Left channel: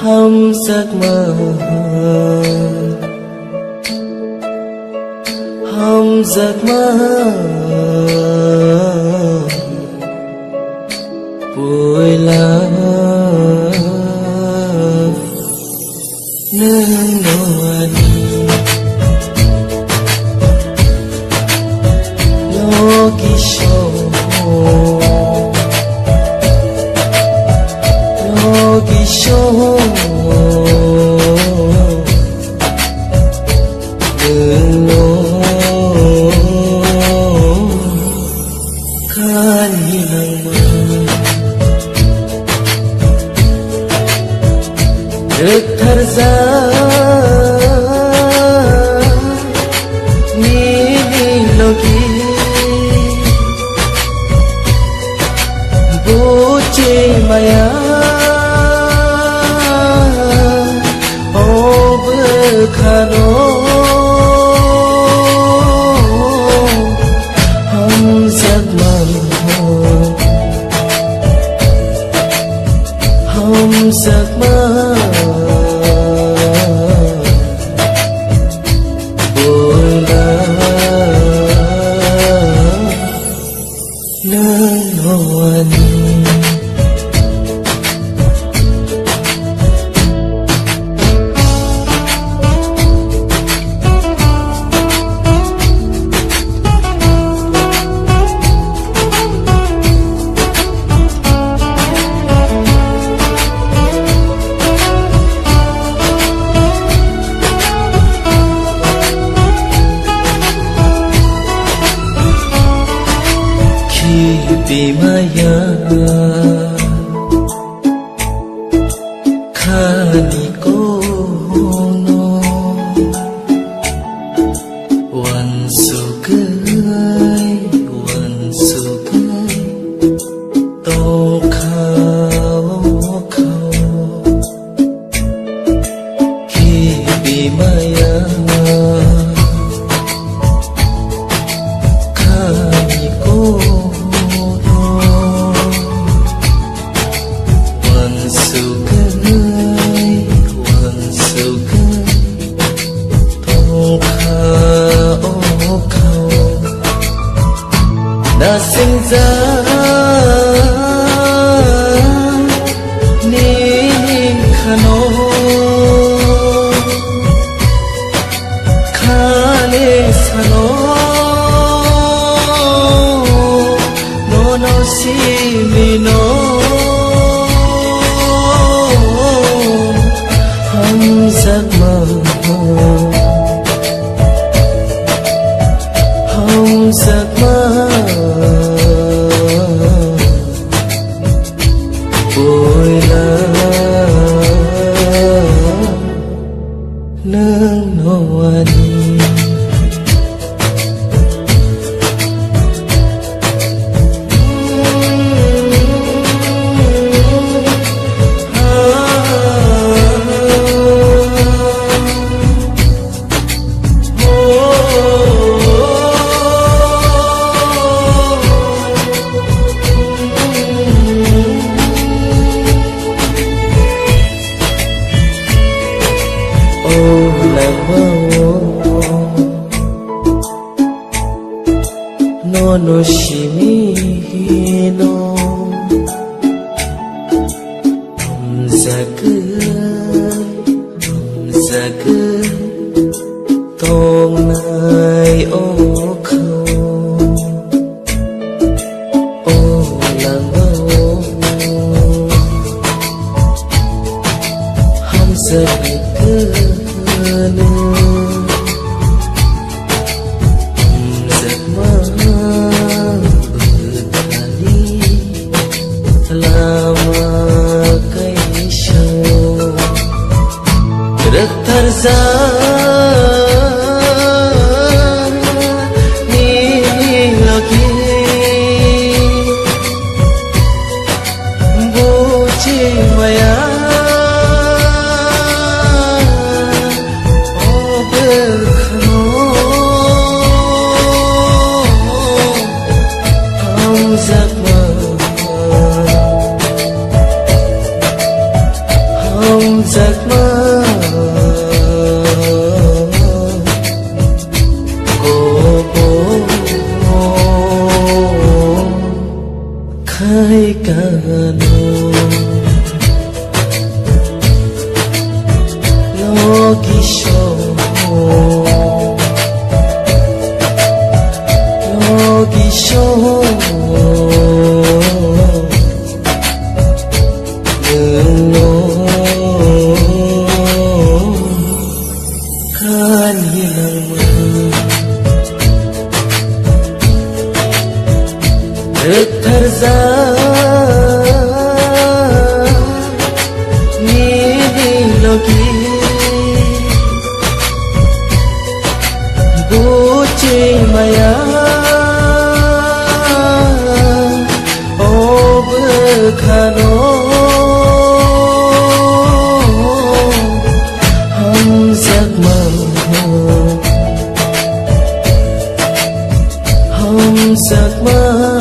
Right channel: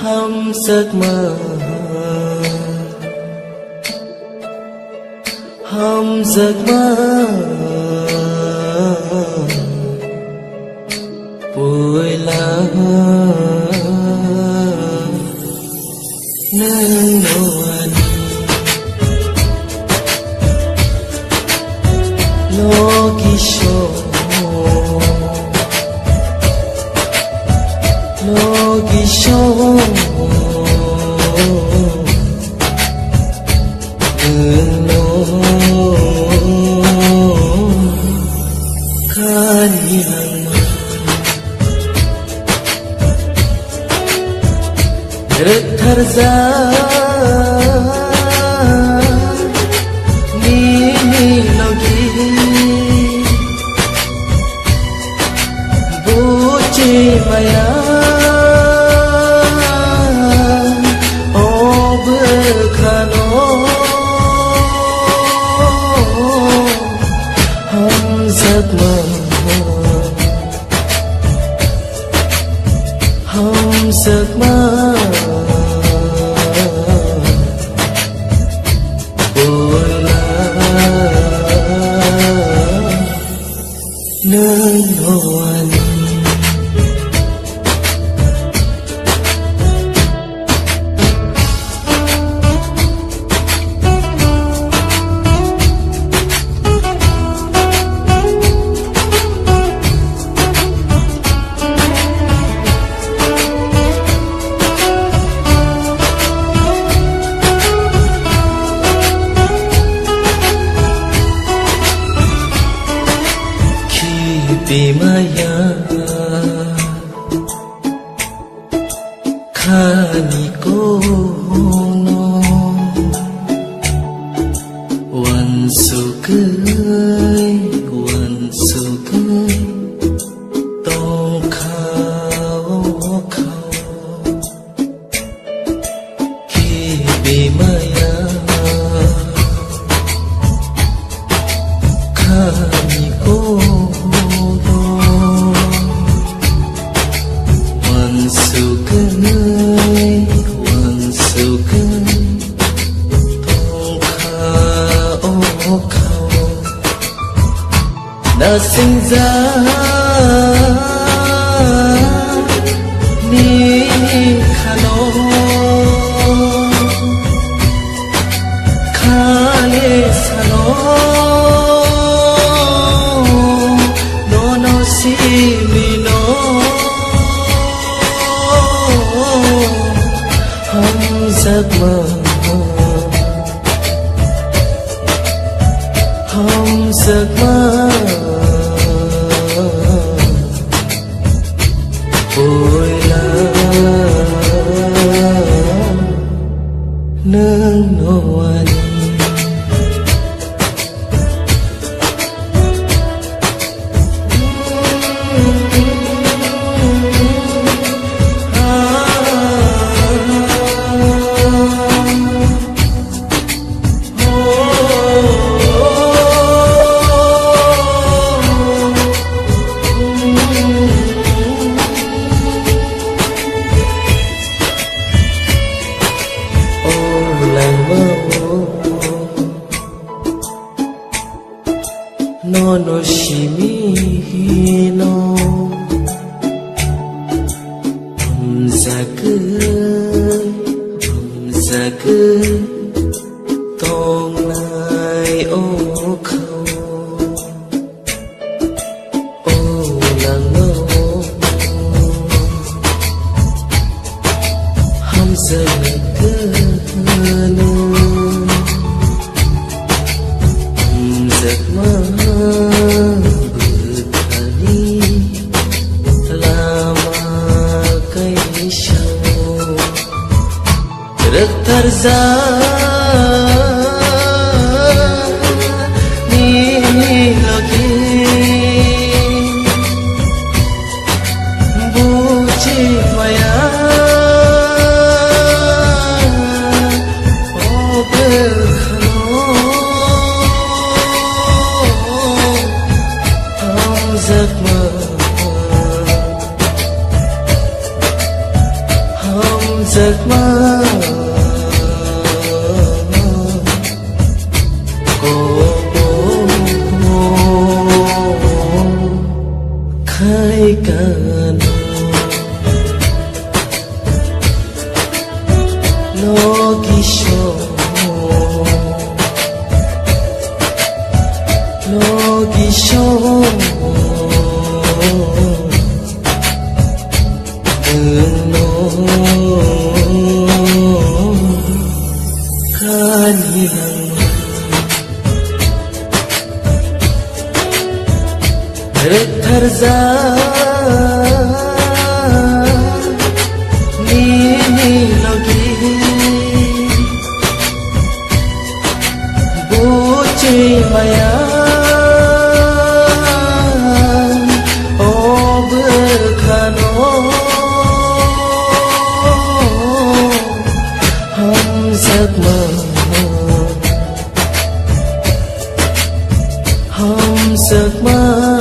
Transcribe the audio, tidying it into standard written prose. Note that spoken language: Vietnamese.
hăm giấc mơ, hăm giấc mơ vui lá nương nuan logi show logi show nương nuan kan hilang terza nini logi buci maya o bekhano hum giấc mơ hum giấc mơ vui lá nơi nuan Bimaya khani kono wan sukai tong khao ki bimaya khani kono sukai tong khao na sinh ra ni khano khale sano no si mi no hum giấc mơ hum giấc mơ vui lá nương nuan làng mơ no shimi no hum giấc tong nai ô khâu ô làng mơ hum giấc giấc mơ berkali lama kai show rek tarza ni logi buci maya o bekhano giấc mơ hum giấc mơ của bố khai cano logisho đừng kan hilang nini logi buci maya o bekhano giấc mơ giấc mơ